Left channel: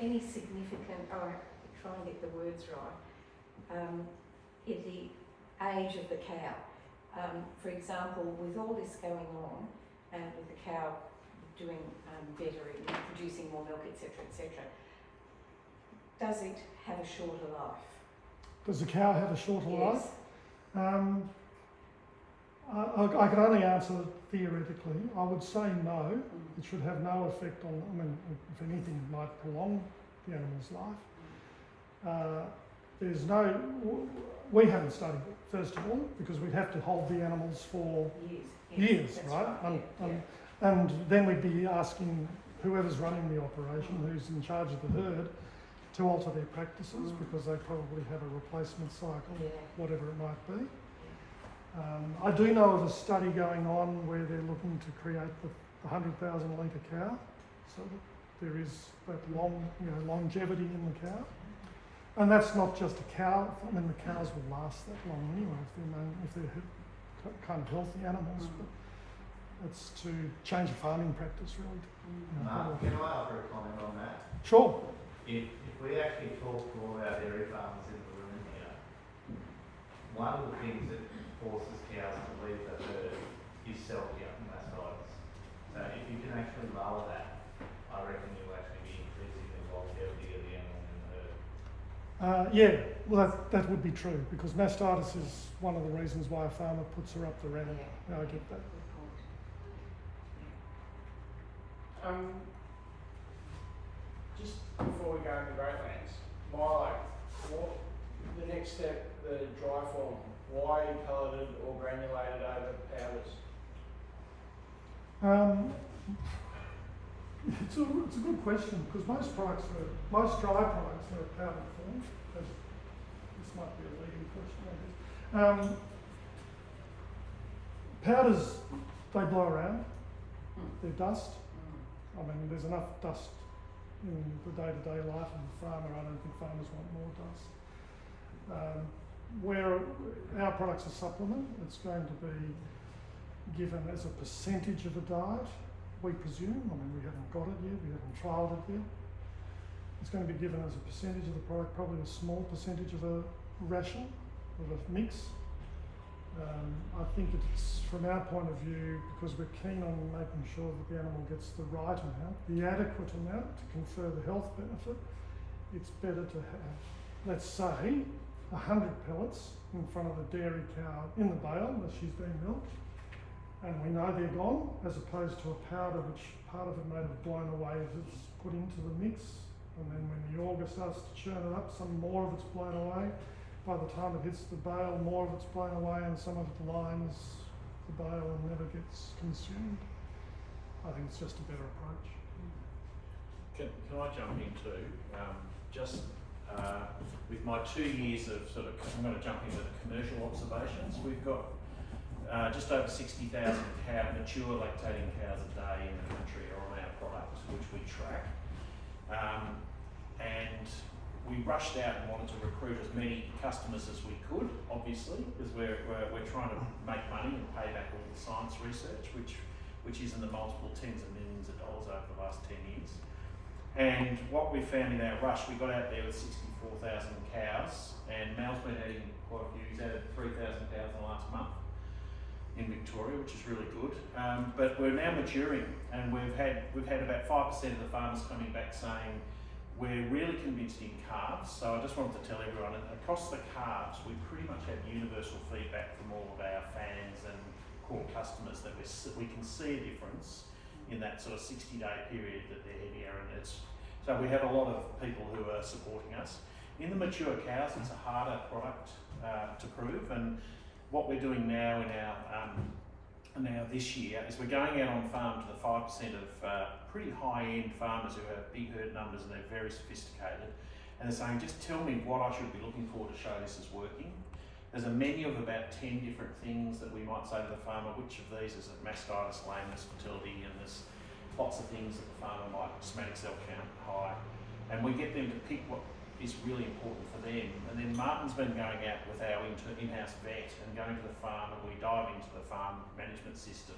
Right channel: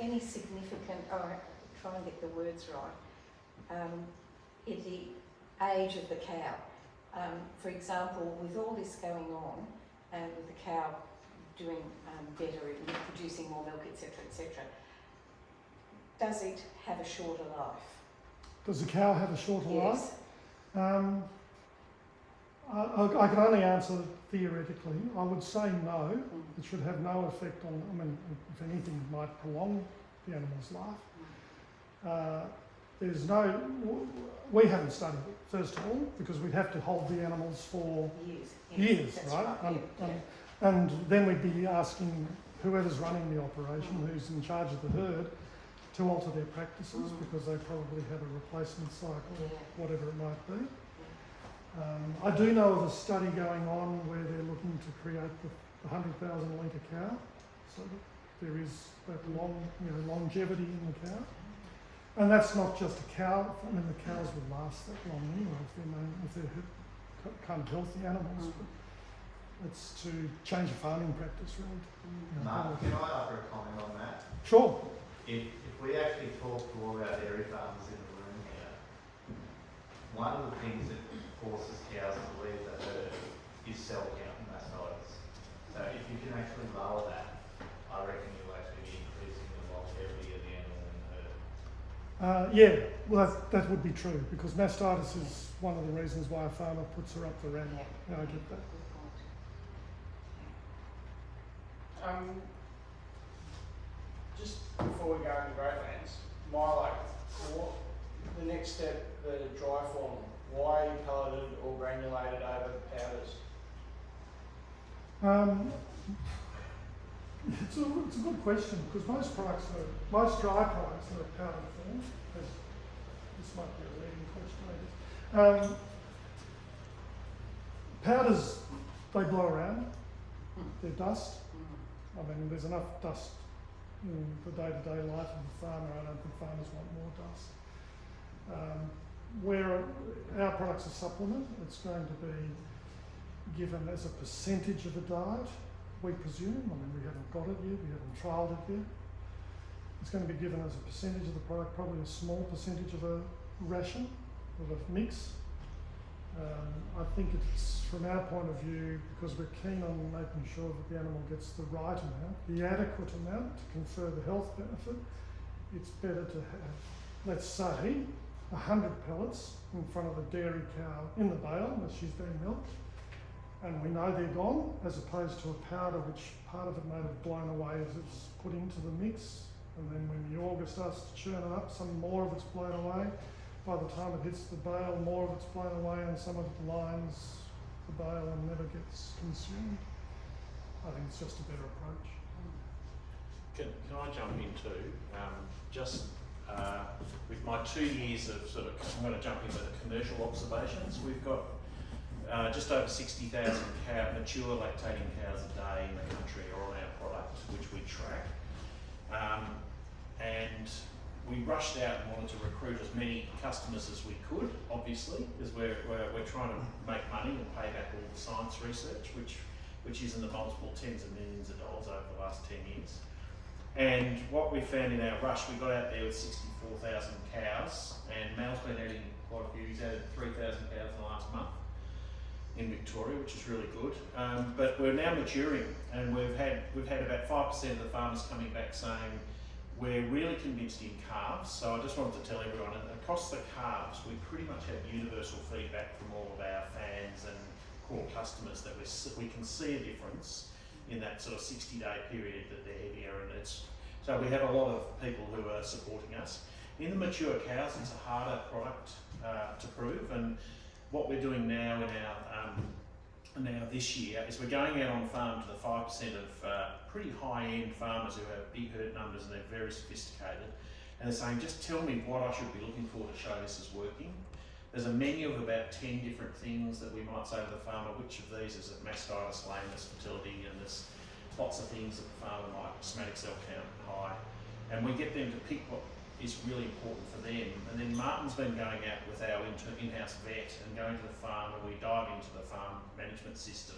any significant, try and get the words right, in the age of the cow. For example, with all this going on, and with the cow doing better, producing more milk, etc., etc., does it have a shorter life? Does the cow have a shorter life? Yes. I can only answer theoretically. I would say no. It should have no effect on, I mean, if anything, it might prolong the animal's life. There's no, we haven't studied it, first of all, because we'd have to hold the animals for years, right? And then we'd be asking whoever's running the operation, who's in charge of the herd, to alter their practices because they probably have a replacement cycle, whatever it might be. I do know of a study going on where they're looking to create the 100,000 litre cow, so that there is that longevity in the cow. And that's not just a cow. I mean, the cows will last that long anyway if they're kind of healthy animals. But it's to change the farming practice, really. Can I offer a comment on that? Sure. If we actually talk to all our dairy farmers in the room here, one of the things that forces cows to leave the herd is cell-count and mastitis. So if you can actually lower that, I reckon you'll actually be increasing the longevity of the animal in the herd. Yeah, well that would be true because mastitis is one of the reasons why a farmer puts her up the ramp. Yeah, I get that. Just before we go into growth ants, Mylo, the next step, the dry form, why are you pelleted or granulated over powders? It's a good question because most dry products are a powdered form. This might be a leading question, I guess. Powders, they blow around. They're dust. I mean, there's enough dust in the day-to-day life of the farmer. I don't think farmers want more dust. Where our product's a supplement, it's going to be given as a percentage of a diet, we presume. I mean, we haven't got it yet, we haven't trialled it yet. It's going to be given as a percentage of the product, probably a small percentage of a ration, of a mix. I think it's, from our point of view, because we're keen on making sure that the animal gets the right amount, the adequate amount to confer the health benefit, it's better to have, let's say, 100 pellets in front of a dairy cow in the bale as she's being milked, and we know they're gone, as opposed to a powder which part of it may have blown away as it's put into the mix, and then when the auger starts to churn it up, some more of it's blown away. By the time it hits the bale, more of it's blown away and some of it lines the bale and never gets consumed. I think it's just a better approach. Can I jump in too? With my 2 years of I'm going to jump into the commercial observations. We've got just over 60,000 mature lactating cows a day in the country are on our product, which we track. And we rushed out and wanted to recruit as many customers as we could, obviously, because we're trying to make money and pay back all the science research, which is in the multiple tens of millions of dollars over the last 10 years. And what we found in our rush, we got out there with 64,000 cows, and Mal's been adding quite a few. He's added 3,000 cows in the last month in Victoria, which is really good. But we're now maturing, and we've had about 5% of the farmers coming back saying, we're really convinced in calves. So I just wanted to tell everyone, across the calves, we pretty much have universal feedback from all of our fans and core customers that we can see a difference in that sort of 60-day period that they're heavier, and so we have a lot of people who are supporting us. In the mature cows, it's a harder product to prove, and what we're doing now in our this year is we're going out on farm to the 5% of pretty high-end farmers who have big herd numbers and they're very sophisticated, and they're saying, just tell me what I should be looking for to show this is working. There's a menu of about 10 different things that we might say to the farmer, which of these is a mastitis, lameness, fertility, and there's lots of things that the farmer might, somatic cell count high, and we get them to pick what is really important for them. And then Martin's been going out with our in-house vet and going to the farm, and we dive into the farm management system,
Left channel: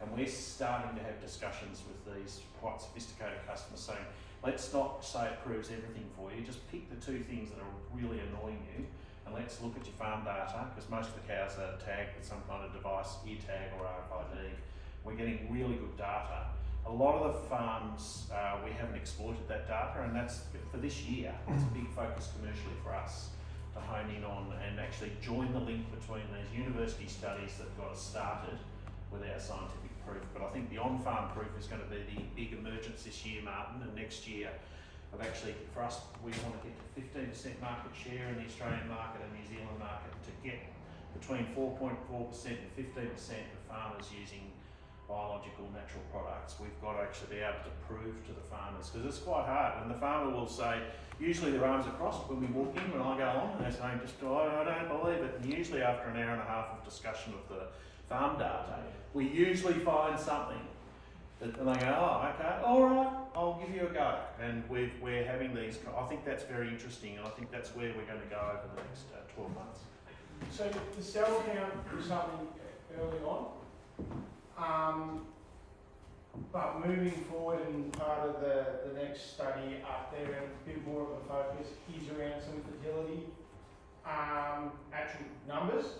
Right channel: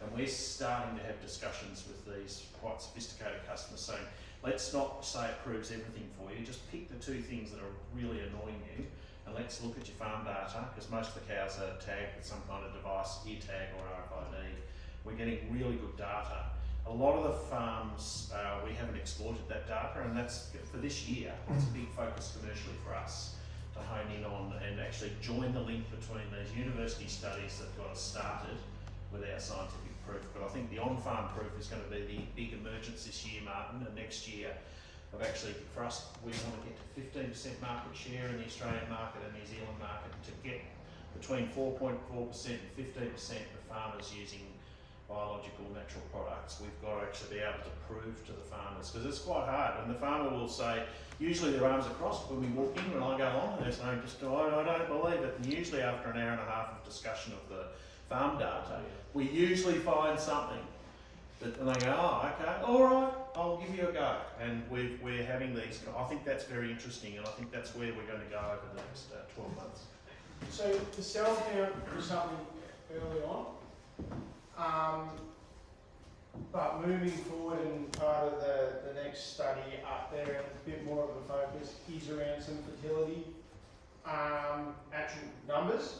and we're starting to have discussions with these quite sophisticated customers saying, let's not say it proves everything for you, just pick the 2 things that are really annoying you, and let's look at your farm data, because most of the cows are tagged with some kind of device, ear tag or RFID. We're getting really good data. A lot of the farms, we haven't exploited that data, and that's, for this year, it's a big focus commercially for us to hone in on and actually join the link between these university studies that got us started with our scientific proof. But I think the on-farm proof is going to be the big emergence this year, Martin, and next year of actually, for us, we want to get to 15% market share in the Australian market and New Zealand market, to get between 4.4% and 15% of farmers using biological natural products. We've got to actually be able to prove to the farmers, because it's quite hard. And the farmer will say, usually their arms are crossed when we walk in, when I go on, and they're saying, I don't believe it. And usually after an hour and a half of discussion of the farm data, we usually find something. And they go, oh, okay, all right, I'll give you a go. And we're having these, I think that's very interesting, and I think that's where we're going to go over the next 12 months. So the cell count was something early on, but moving forward, and part of the next study up there, and a bit more of a focus is around some fertility, actual numbers,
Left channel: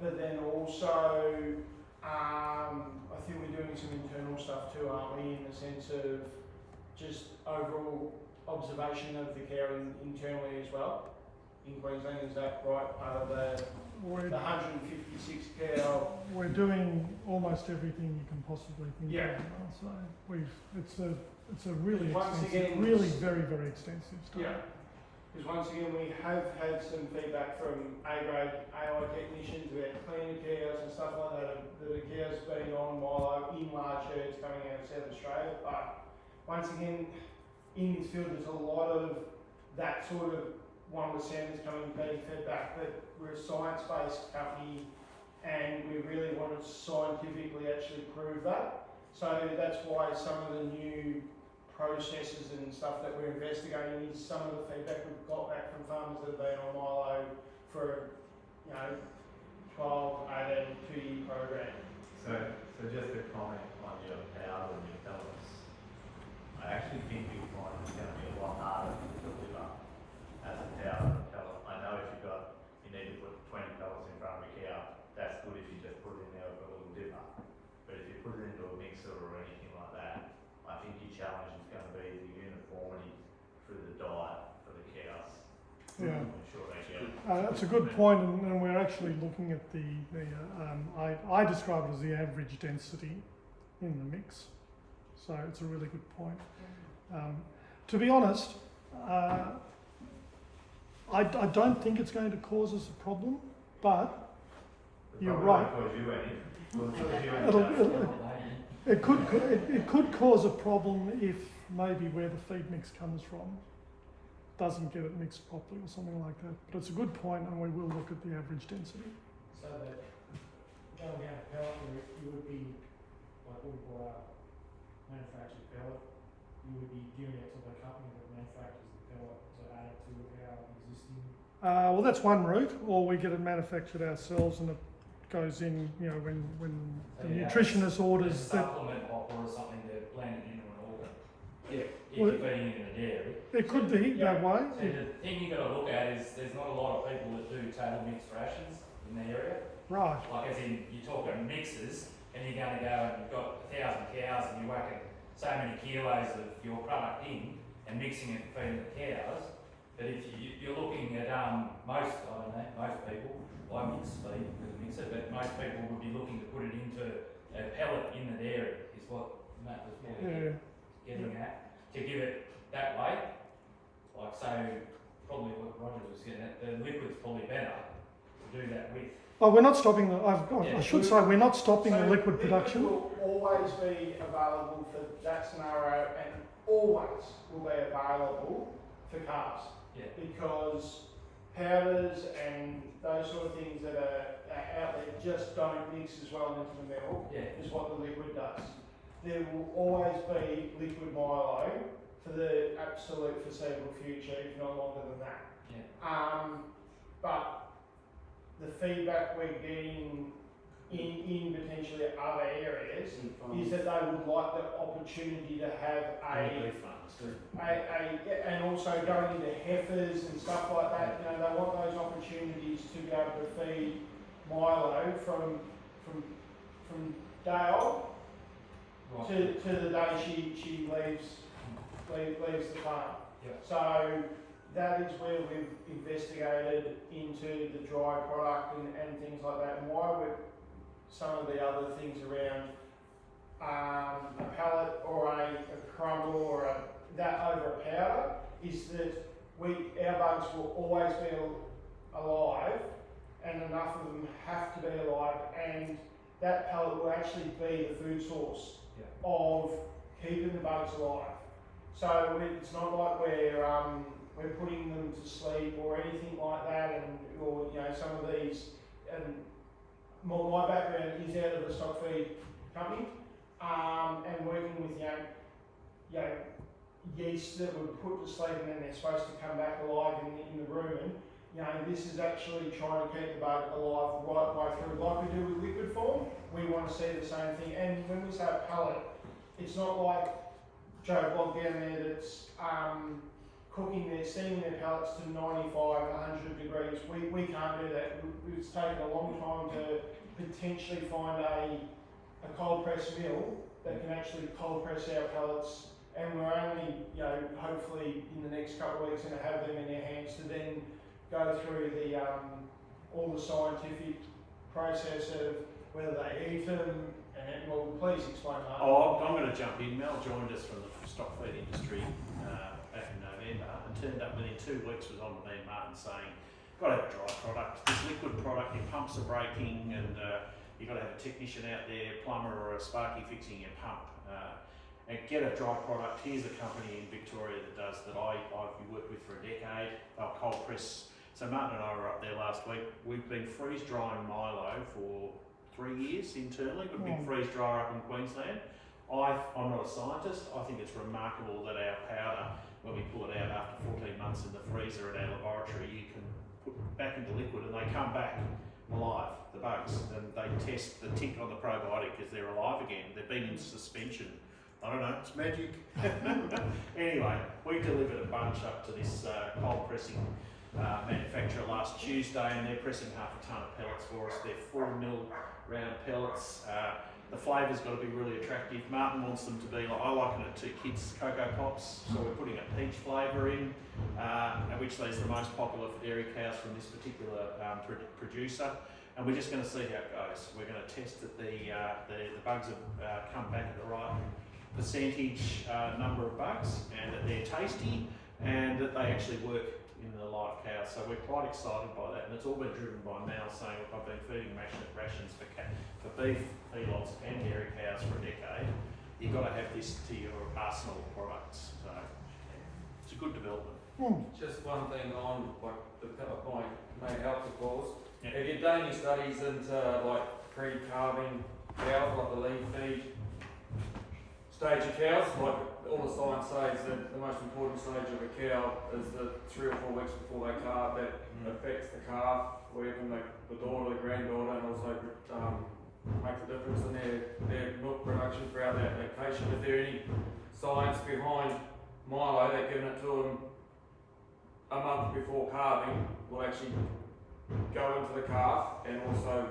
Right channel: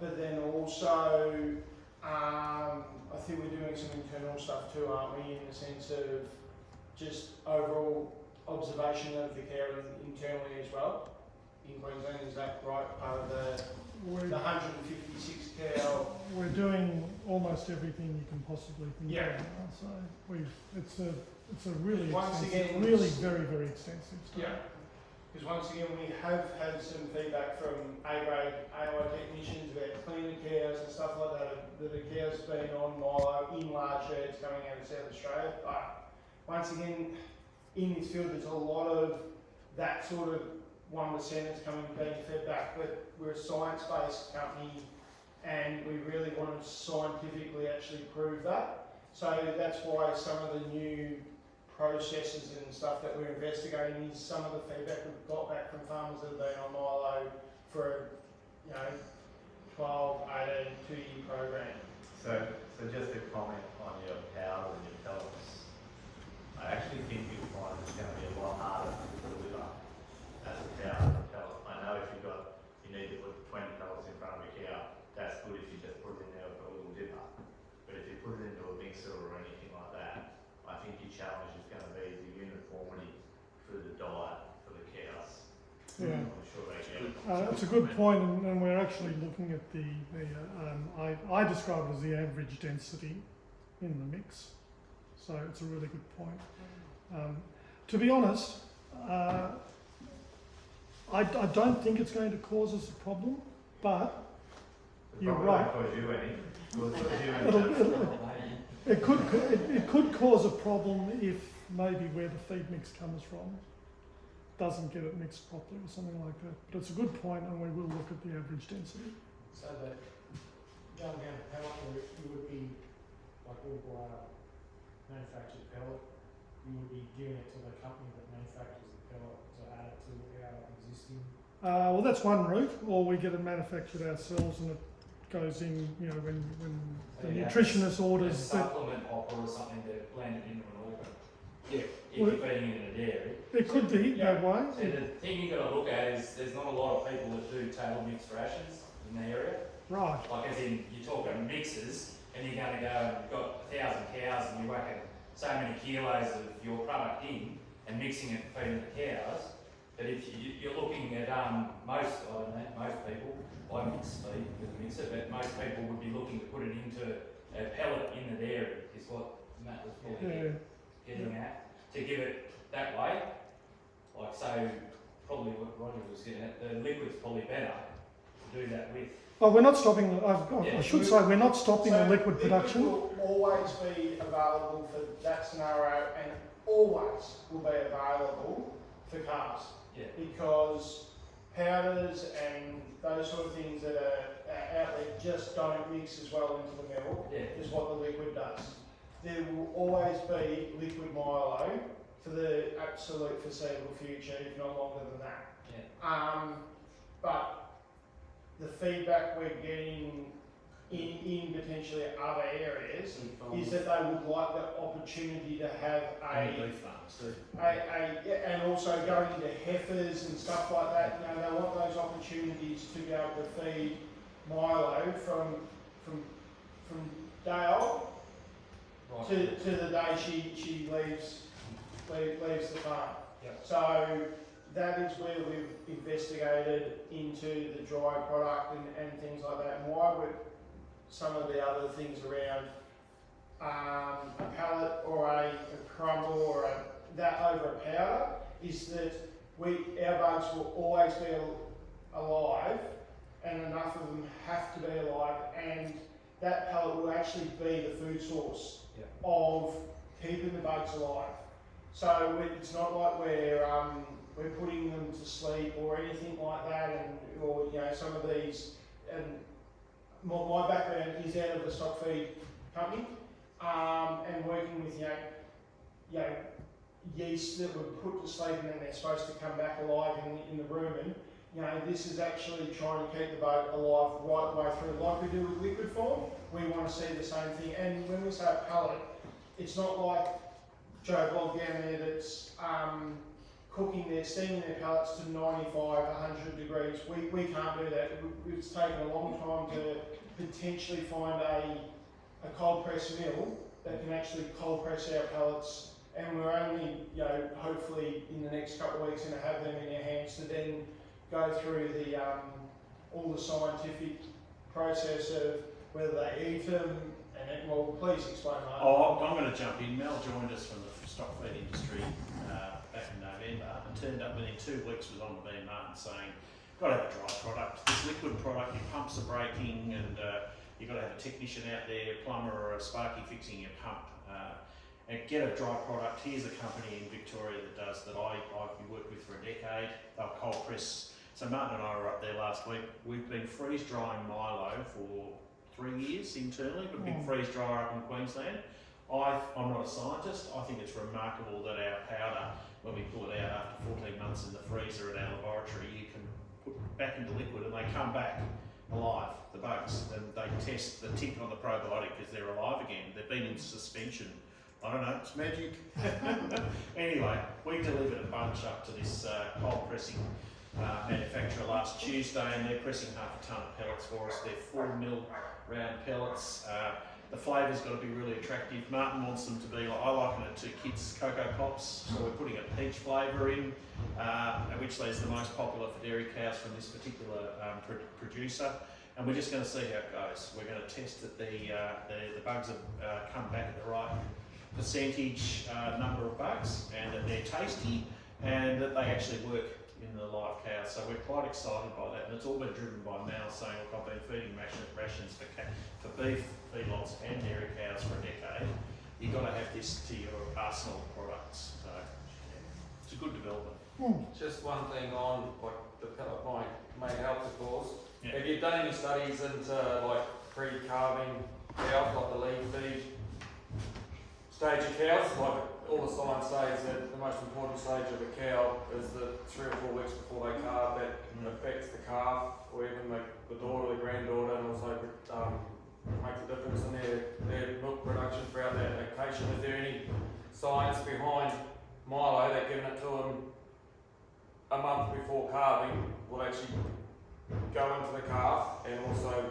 but then also I think we're doing some internal stuff too, aren't we, in the sense of just overall observation of the cow internally as well in Queensland. Is that right, part of the 156 cow? We're doing almost everything you can possibly think Yeah. of now. So it's a really Once extensive, again, really very, very extensive study. Yeah. Because once again, we have had some feedback from A-grade AI technicians about cleaner cows and stuff like that. That a cow's been on Mylo in large herds coming out of South Australia. But once again, in this field, there's a lot of that sort of 1% that's being fed back. But we're a science-based company, and we really want to scientifically actually prove that. So that's why some of the new processes and stuff that we're investigating is some of the feedback we've got back from farmers that have been on Mylo for, 12, 18, 2-year program. So just a comment on your powder and your pellets. I actually think you'll find it's going to be a lot harder to deliver as a powder and a pellet. I know if you need to put 20 pellets in front of a cow, that's good if you just put it in there with a little dipper. But if you put it into a mixer or anything like that, I think your challenge is going to be the uniformity through the diet for the cows. Yeah. I'm sure they get it. That's a good point, and we're actually looking at I describe it as the average density in the mix. So it's a really good point. To be honest, I don't think it's going to cause us a problem, but you're right. It could cause a problem if maybe where the feed mix comes from doesn't get it mixed properly or something like that. But it's a good point, and we will look at the average density. So that going down to pellet, you would be, like we buy manufactured pellet, you would be giving it to the company that manufactures the pellet to add it to our existing. Well, that's one route, or we get it manufactured ourselves, and it goes in, when the nutritionist orders that. Supplement hopper or something that are blended into an organ. Yeah. If you're feeding it in a dairy. It could be that way. So the thing you've got to look at is there's not a lot of people that do table mixed rations in the area. Right. Like as in, you're talking mixes, and you're going to go and you've got 1,000 cows and you're whacking so many kilos of your product in and mixing it and feeding the cows. But if you're looking at most people, I mix feed with a mixer, but most people would be looking to put it into a pellet in the dairy, is what Matt was getting at. To give it that way, like so, probably what Roger was getting at, the liquid's probably better to do that with. Oh, we're not stopping I should say we're not stopping the liquid production. It will always be available for that scenario, and always will be available for calves. Yeah. Because powders and those sort of things that are out there just don't mix as well into the milk as what the liquid does. There will always be liquid Mylo for the absolute foreseeable future, if not longer than that. Yeah. But the feedback we're getting in potentially other areas, is that they would like the opportunity to have Only beef farms do. and also going into heifers and stuff like that. You know, they want those opportunities to be able to feed Mylo from day old to the day she leaves the farm. Yep. So that is where we've investigated into the dry product and things like that, and why we're some of the other things around a pellet or a crumble or that over a powder is that our bugs will always be alive, and enough of them have to be alive, and that pellet will actually be the food source of keeping the bugs alive. So it's not like we're putting them to sleep or anything like that, or you know, some of these. And my background is out of the stock feed company, and working with you know yeast that were put to sleep and then they're supposed to come back alive in the rumen. You know, this is actually trying to keep the bug alive right the way through, like we do with liquid form. We want to see the same thing. And when we say a pellet, it's not like Joe Blogg down there that's steaming their pellets to 95, 100 degrees. We can't do that. It's taken a long time to potentially find a cold press mill that can actually cold press our pellets, and we're only, you know, hopefully in the next couple of weeks going to have them in our hands to then go through the all the scientific process of whether they eat them. And well, please explain that. Oh, I'm going to jump in. Mel joined us from the stock feed industry back in November and turned up within 2 weeks, was on to me and Martin saying, got to have a dry product. This liquid product, your pumps are breaking, and you've got to have a technician out there, a plumber or a sparky fixing your pump. And get a dry product. Here's a company in Victoria that does that. I've worked with for a decade. They'll cold press. So Martin and I were up there last week. We've been freeze drying Mylo for 3 years internally. We've been freeze dryer up in Queensland. I'm not a scientist. I think it's remarkable that our powder, when we pull it out after 14 months in the freezer at our laboratory, you can put back into liquid and they come back alive, the bugs, and they test the tick on the probiotic because they're alive again. They've been in suspension. I don't know, it's magic. Anyway, we delivered a bunch up to this cold pressing manufacturer last Tuesday, and they're pressing half a tonne of pellets for us. They're 4 mil round pellets. The flavour's got to be really attractive. Martin wants them to be like, I liken it to kids' Cocoa Pops, so we're putting a peach flavour in, which is the most popular for dairy cows from this particular producer. And we're just going to see how it goes. We're going to test that the bugs have come back at the right percentage number of bugs, and that they're tasty, and that they actually work in the live cows. So we're quite excited by that, and it's all been driven by Mal saying, look, I've been feeding rations for beef, feedlots and dairy cows for a decade. You've got to have this to your arsenal of products. So yeah, it's a good development. Just one thing on like the pellet my health of course. Yeah. Have you done any studies into like pre-calving cows, like the lean feed stage of cows? Like all the science says that the most important stage of a cow is the 3 or 4 weeks before they calve. That affects the calf or even the daughter or the granddaughter, and also makes a difference in their milk production throughout that lactation. Is there any science behind Mylo that giving it to them a month before calving will actually go into the calf and also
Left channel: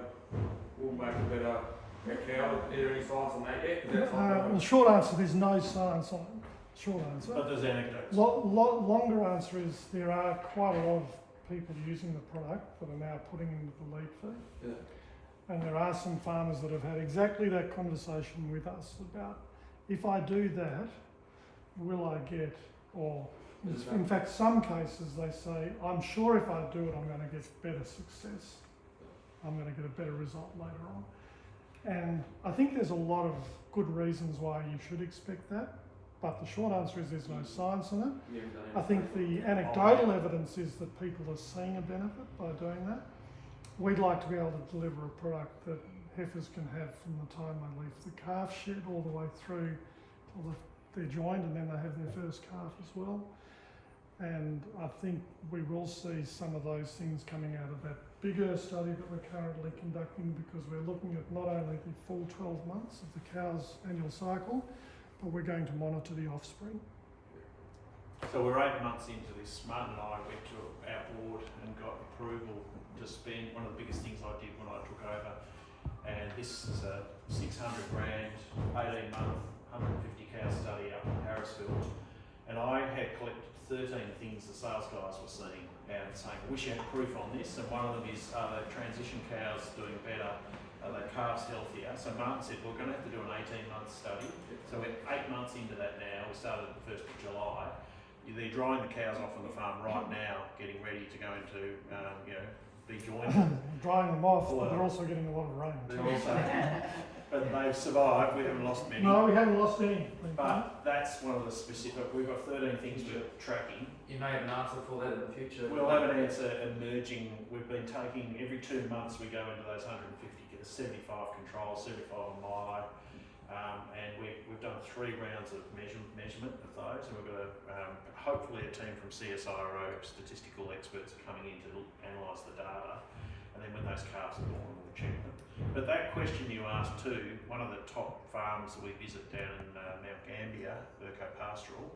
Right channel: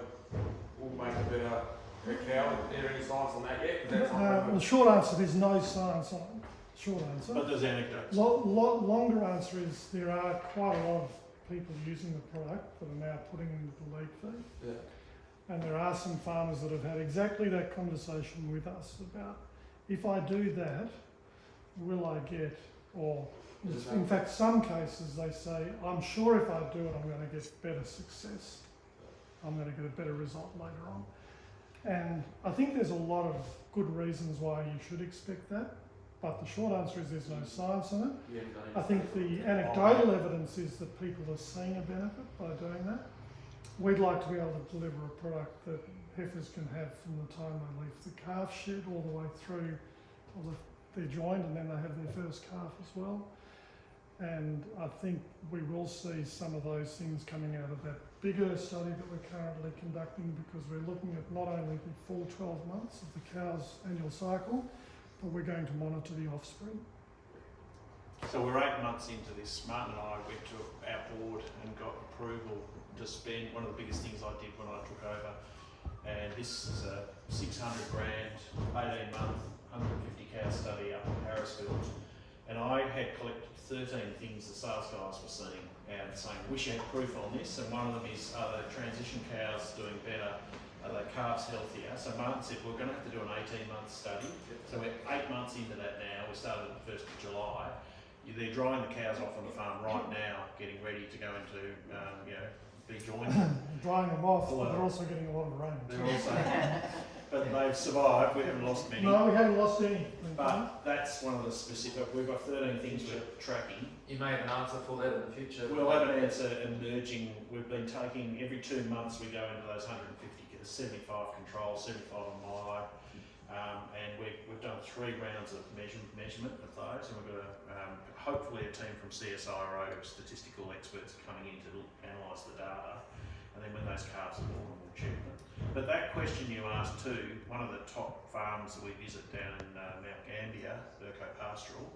will make a better cow? Is there any science on that yet? Well, short answer, there's no science on it. Short answer. But there's anecdotes. Longer answer is there are quite a lot of people using the product that are now putting into the lead feed. Yeah. And there are some farmers that have had exactly that conversation with us about, if I do that, will I get, or in fact some cases they say, I'm sure if I do it I'm going to get better success. I'm going to get a better result later on. And I think there's a lot of good reasons why you should expect that, but the short answer is there's no science on it. I think the anecdotal evidence is that people are seeing a benefit by doing that. We'd like to be able to deliver a product that heifers can have from the time they leave the calf shed all the way through till they're joined, and then they have their first calf as well. And I think we will see some of those things coming out of that bigger study that we're currently conducting because we're looking at not only the full 12 months of the cow's annual cycle, but we're going to monitor the offspring. So we're 8 months into this. Martin and I went to our board and got approval to spend, one of the biggest things I did when I took over, and this is a 600 grand, 18 month, 150 cow study up in Harrisfield, and I had collected 13 things the sales guys were seeing and saying, wish you had proof on this, and one of them is, are the transition cows doing better? Are the calves healthier? So Martin said, we're going to have to do an 18-month study. So we're 8 months into that now. We started the 1st of July. They're drying the cows off on the farm right now, getting ready to go into, be joined. Drying them off, but they're also getting a lot of rain. They're also, but they've survived. We haven't lost many. No, we haven't lost any. But that's one of the specific. We've got 13 things we're tracking. You may have an answer for that in the future. We'll have an answer emerging. We've been taking every 2 months. We go into those 150, 75 controls, 75 on Mylo. And we've done 3 rounds of measurement of those, and we've got hopefully a team from CSIRO, statistical experts, coming in to analyse the data, and then when those calves are born, we'll check them. But that question you asked too, one of the top farms that we visit down in Mount Gambier, Burco Pastoral,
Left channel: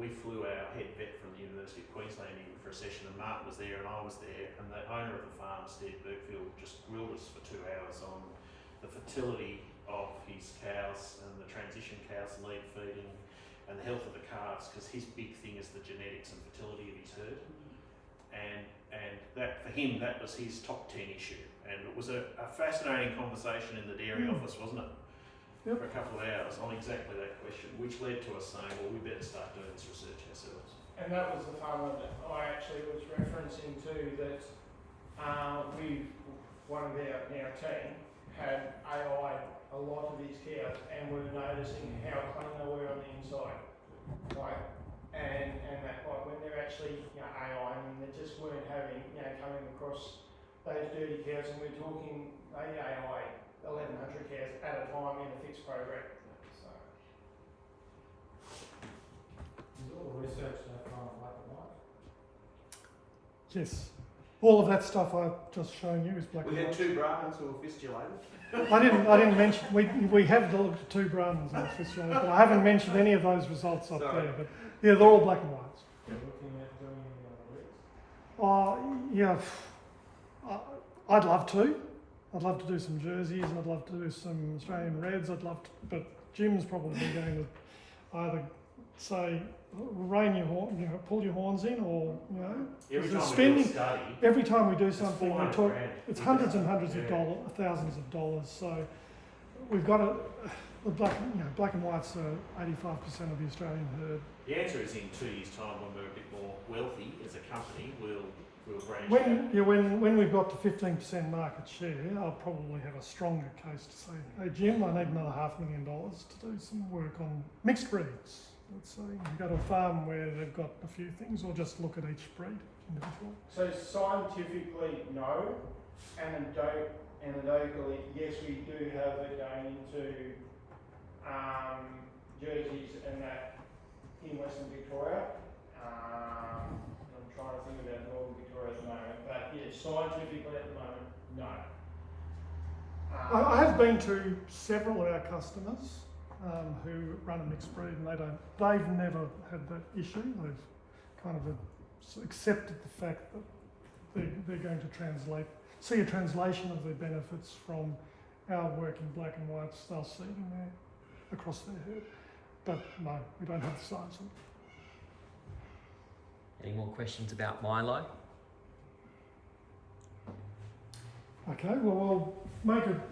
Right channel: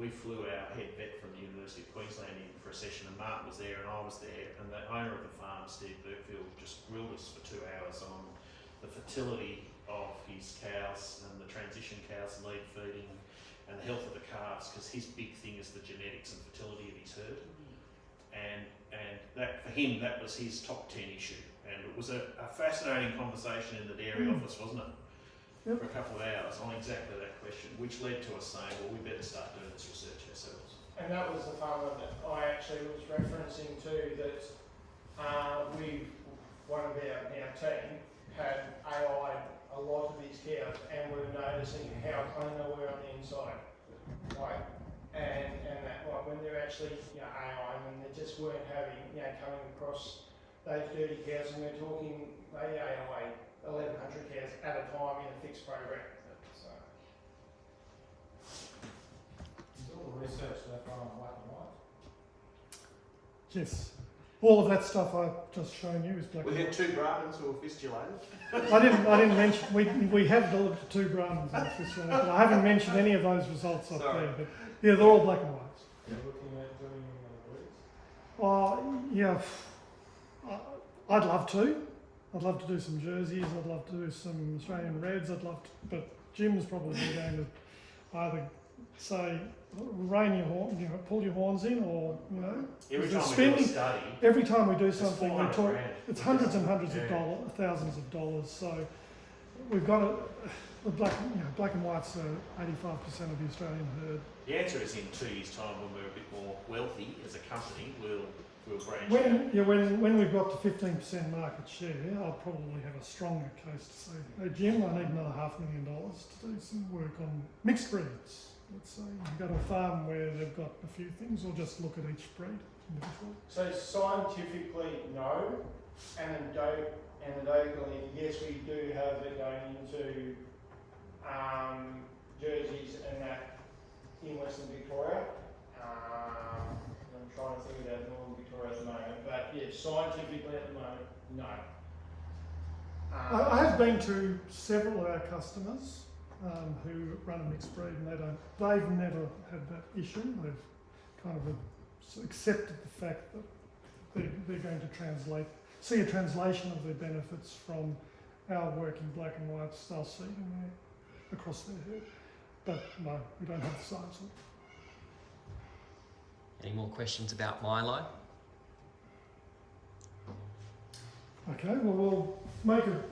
we flew our head vet from the University of Queensland in for a session, and Martin was there and I was there, and the owner of the farm, Steve Burkfield, just grilled us for 2 hours on the fertility of his cows and the transition cows, lead feeding, and the health of the calves, because his big thing is the genetics and fertility of his herd. And that, for him, that was his top 10 issue. And it was a fascinating conversation in the dairy office, wasn't it? Yep. For a couple of hours on exactly that question, which led to us saying, well, we better start doing this research ourselves. And that was the farmer that I actually was referencing to, that one of our team had AI a lot of these cows, and we were noticing how clean they were on the inside. And that when they're actually AI, and they just weren't having, coming across those dirty cows, and we're talking they AI 1,100 cows at a time in a fixed program. So. Is all the research so far on black and white? Yes. All of that stuff I've just shown you is black and We had white. 2 Brahmins who were fistulated. I didn't mention, we have looked at 2 Brahmins in the fistula, but I haven't mentioned any of those results up Sorry. there. But yeah, they're all black and whites. Are you looking at doing breeds? Yeah, I'd love to. I'd love to do some jerseys. I'd love to do some Australian Reds. But Jim's probably going to either say, rein your horn, pull your horns in, or Every because time we do spending a study, every time we do it's something, we 400 talk. grand. It's hundreds and hundreds of Yeah. dollars, thousands of dollars. So we've got the black and whites are 85% of the Australian herd. The answer is in 2 years' time, when we're a bit more wealthy as a company, we'll branch out. When we've got to 15% market share, I'll probably have a stronger case to say, hey Jim, I need another $500,000 to do some work on mixed breeds. Let's say you go to a farm where they've got a few things, or just look at each breed individually. So scientifically, no, and anecdotally, yes, we do have it going into jerseys and that in Western Victoria. I'm trying to think about Northern Victoria at the moment, but yeah, scientifically at the moment, no. I have been to several of our customers who run a mixed breed, and they've never had that issue. They've kind of accepted the fact that they're going to see a translation of their benefits from our work in black and whites they'll see in across their herd. But no, we don't have the science on it. Any more questions about Mylo? Okay, well, we'll make a